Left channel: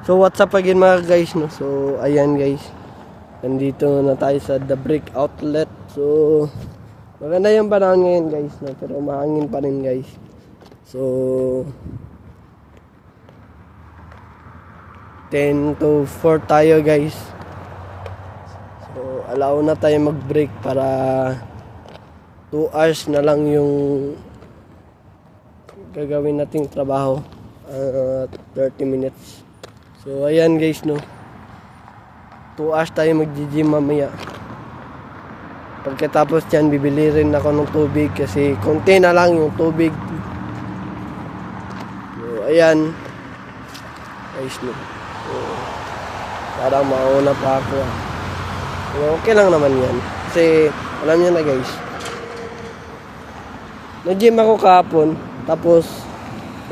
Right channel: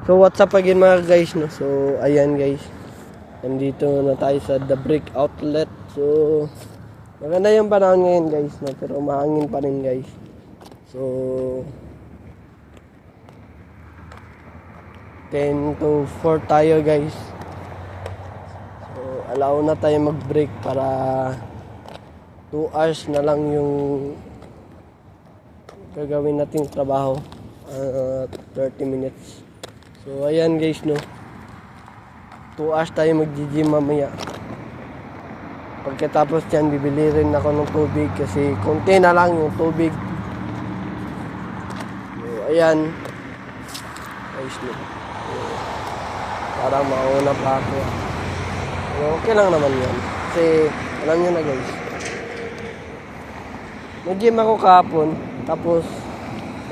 So what's up again mga guys, no? So ayan guys, nandito na tayo sa The Brick Outlet. So maganda yung panahon ngayon guys, no? Pero mahangin pa rin guys. So 10 to 4 tayo guys. So allow na tayo mag-break para 2 hours na lang yung gagawin nating trabaho. 30 minutes. So ayan guys, no. 2 hours tayo mag-gym mamaya. Pagkatapos dyan, bibili rin ako ng tubig kasi konti na lang yung tubig. So ayan guys, no. So, parang mauna pa ako. So, okay lang naman yan. Kasi alam nyo na guys, nag-gym ako kahapon. Tapos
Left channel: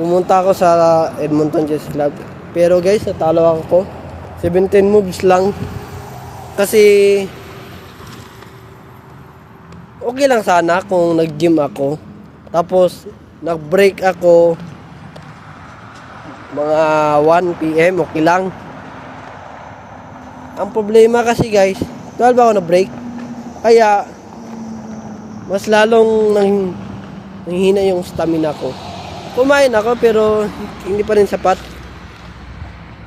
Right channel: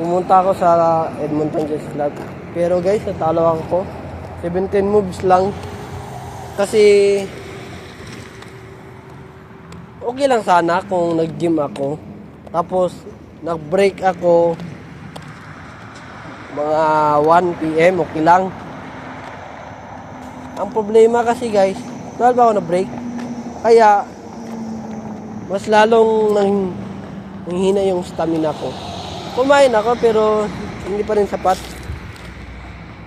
pumunta ako sa Edmonton Chess Club. Pero guys, natalo ako 17 moves lang. Kasi okay lang sana kung nag-gym ako. Tapos nag-break ako mga 1 PM, okay lang. Ang problema kasi guys, 12 ako na-break. Kaya mas lalong nanghina yung stamina ko. Kumain ako pero hindi pa rin sapat.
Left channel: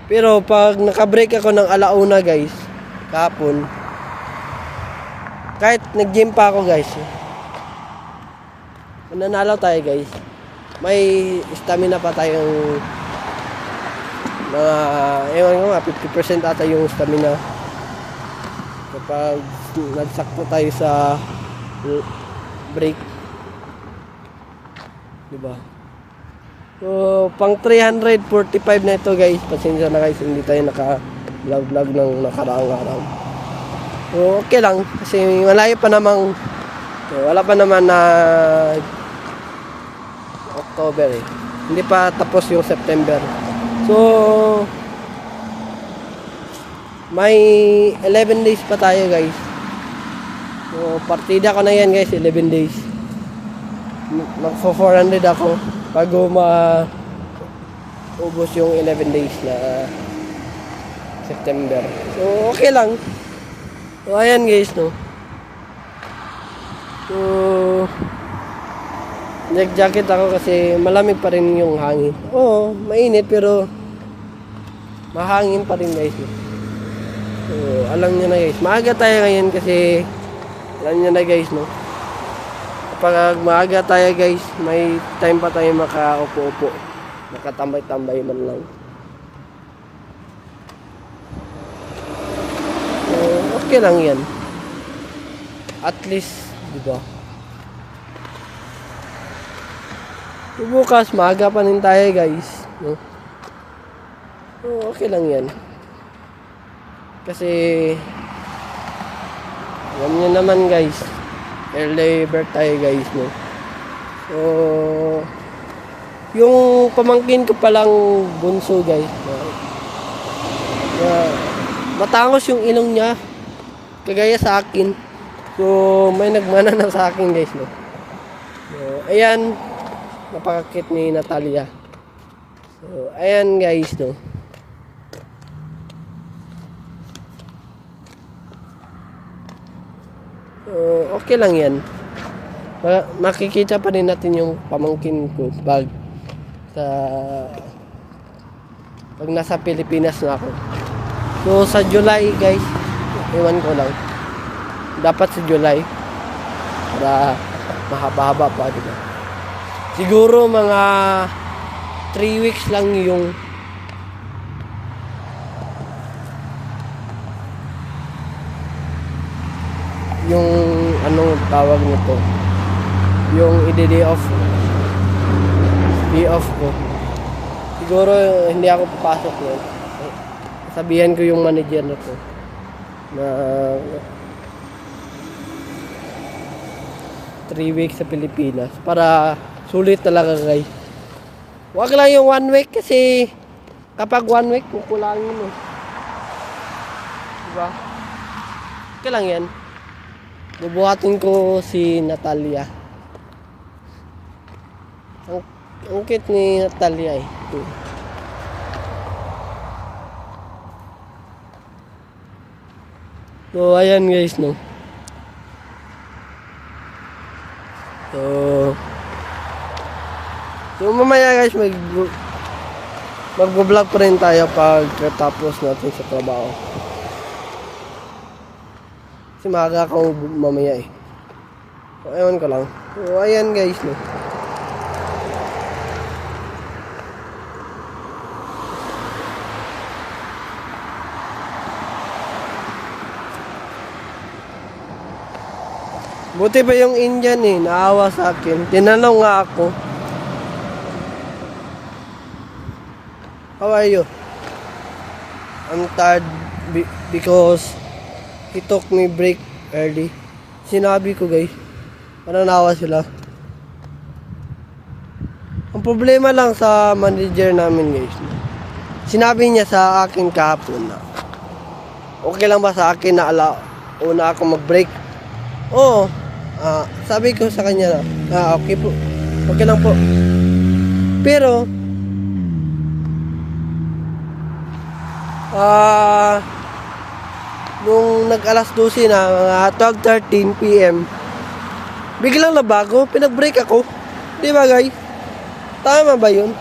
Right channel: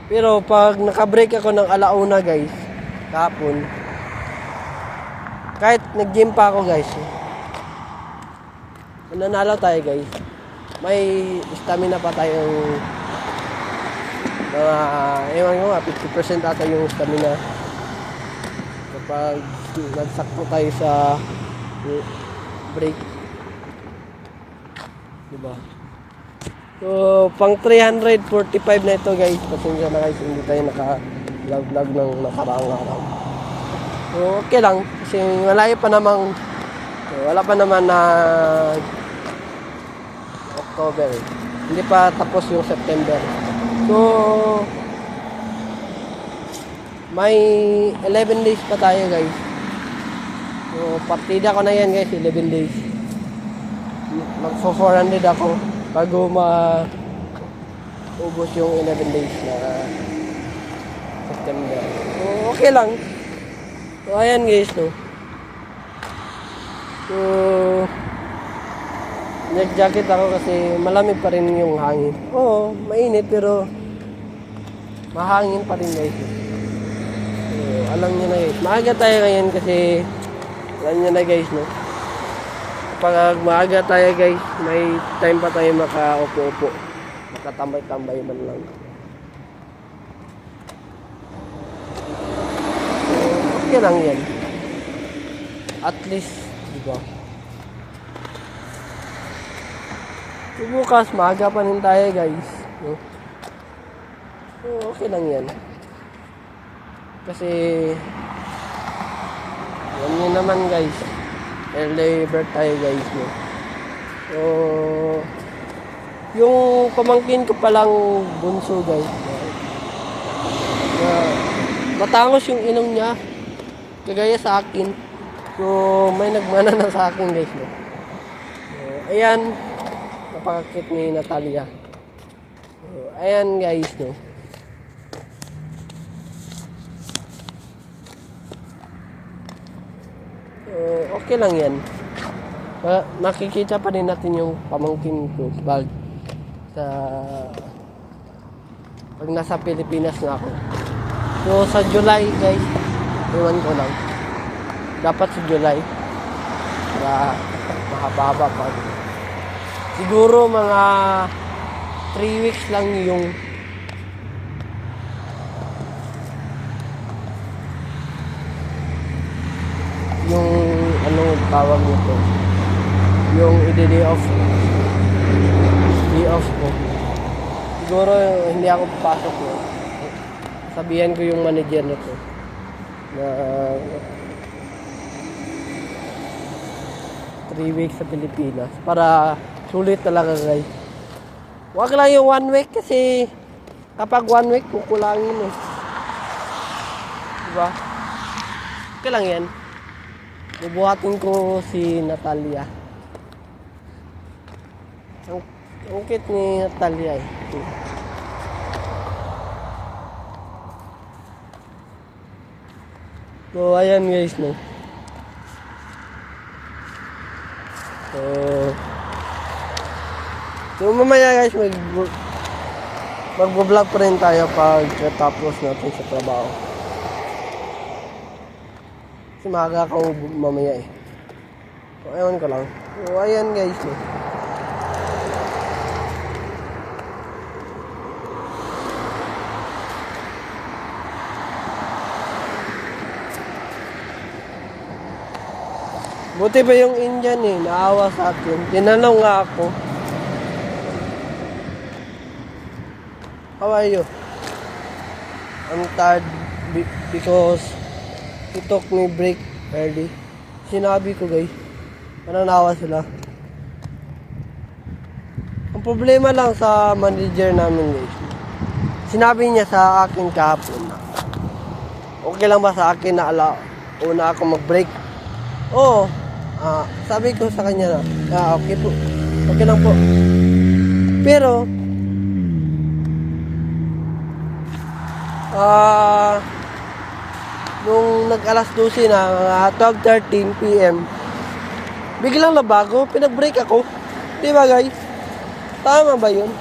Pero pag naka-break ako ng alauna guys, kahapon, kahit nag-gym pa ako guys, nanalo tayo guys. May stamina pa tayong mga, ewan ko nga, 50% ata yung stamina. Kapag nagsakto tayo sa break. Diba? So, pang 345 na ito guys. Pasensya na guys, hindi tayo naka-vlog ng nakaraang araw. So, okay lang. Kasi malayo pa namang, wala pa naman na October eh. Hindi pa tapos yung September. So, may 11 days pa tayo guys. So, partida ko na yan guys, 11 days. Magpo 400 ako bago maubos yung 11 days na September. So, okay lang. So, ayan guys, no. So, nag-jacket ako kasi malamig pa rin yung hangin. Oo, mainit pero mahangin pa rin guys. So, alam nyo na guys. Maaga tayo ngayon kasi alam nyo na guys, no. Pag maaga tayo guys, may time pa tayo makaupo-upo. Makatambay-tambay man lang. So, okay lang yan. At least, diba? So, bukas, maaga pa rin tayo guys. No? So, okay lang yan. Kasi, alam nyo naman guys, early bird tayo guys, no? So, yung pamangkin ko palang bunso guys, matangos yung ilong niya, kagaya sa akin. So, may nagmana na sa akin guys, no? So, ayan, napakakit ni Natalia. So, ayan guys, no? Okay lang yan. Makikita pa rin natin yung pamangkin ko pag nasa Pilipinas na ako. So sa July guys, iwan ko lang. Dapat sa July na mahaba-haba pa. Siguro mga 3 weeks lang yung ano tawag nito, yung i-day off ko. Siguro hindi ako papasok no. Sabihan ko yung manager na to na 3 weeks sa Pilipinas para sulit talaga guys. Wag lang yung 1 week kasi kapag 1 week kukulangin eh. Diba? Okay lang yan. Bubuhatin ko si Natalia. Ang cute ni Natalia eh. So, ayan guys, no. So mamaya guys, mag-vlog pa rin tayo pag tapos natin sa trabaho. Kasi maaga akong mamaya eh. So, ewan ko lang. So, ayan guys, no. Buti pa yung Indian eh, naawa sa akin. Tinanong nga ako, how are you? I'm tired because he took me break early. Sinabi ko guys, parang naawa sila. Ang problema lang sa manager namin guys, sinabi niya sa akin kahapon na okay lang ba sa akin na una ako mag-break? Oo. Sabi ko sa kanya na okay po, okay lang po. Pero nung nag-alas 12 na, mga 12:13 PM, biglang nabago, pinag-break ako. Di ba guys? Tama ba yun?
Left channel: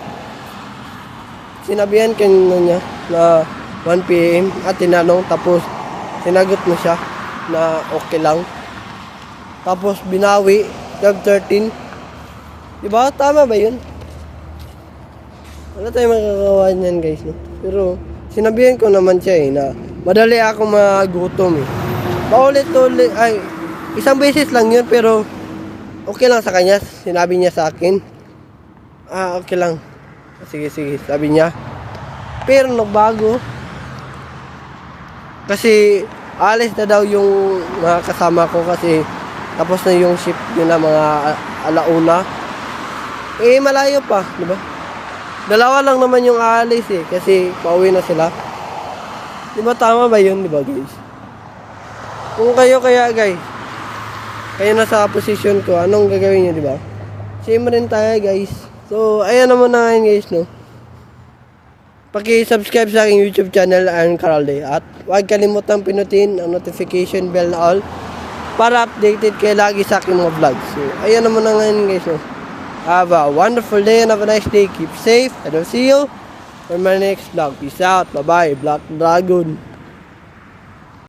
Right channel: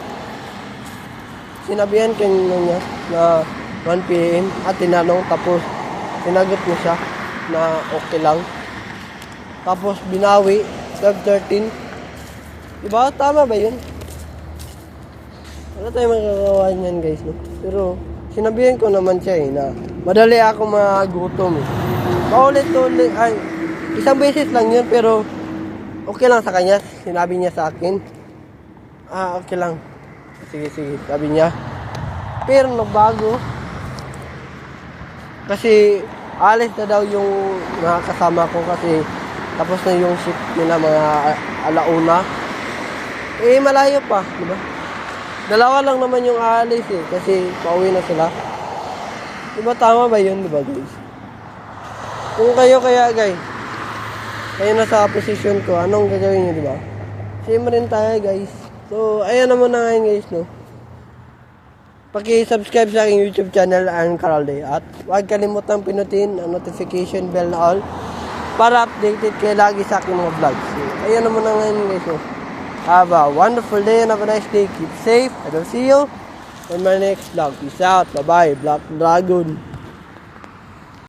Sinabihan kanina niya na 1 PM at tinanong, tapos sinagot mo siya na okay lang. Tapos binawi, 12:13. Diba? Tama ba yun? Wala tayong makakawa niyan guys, no? Pero sinabihan ko naman siya na madali ako magutom eh. Paulit-ulit, isang beses lang yun, pero okay lang sa kanya. Sinabi niya sa akin, okay lang. Sige, sabi niya. Pero nagbago. Kasi alis na daw yung mga kasama ko kasi tapos na yung shift nila mga alauna. Malayo pa, di ba? Dalawa lang naman yung aalis eh, kasi pauwi na sila. Di ba tama ba yun, di ba guys? Kung kayo kaya guys, kayo na sa position ko, anong gagawin nyo, di ba? Same rin tayo guys. So, ayan naman na ngayon guys, no? Paki-subscribe sa aking YouTube channel, Aaron Caralde. At huwag kalimutang pinutin ang notification bell na all para updated kayo lagi sa aking mga vlogs. So, ayan naman na ngayon guys. So, have a wonderful day and have a nice day. Keep safe. I will see you on my next vlog. Peace out. Bye-bye. Black Dragon.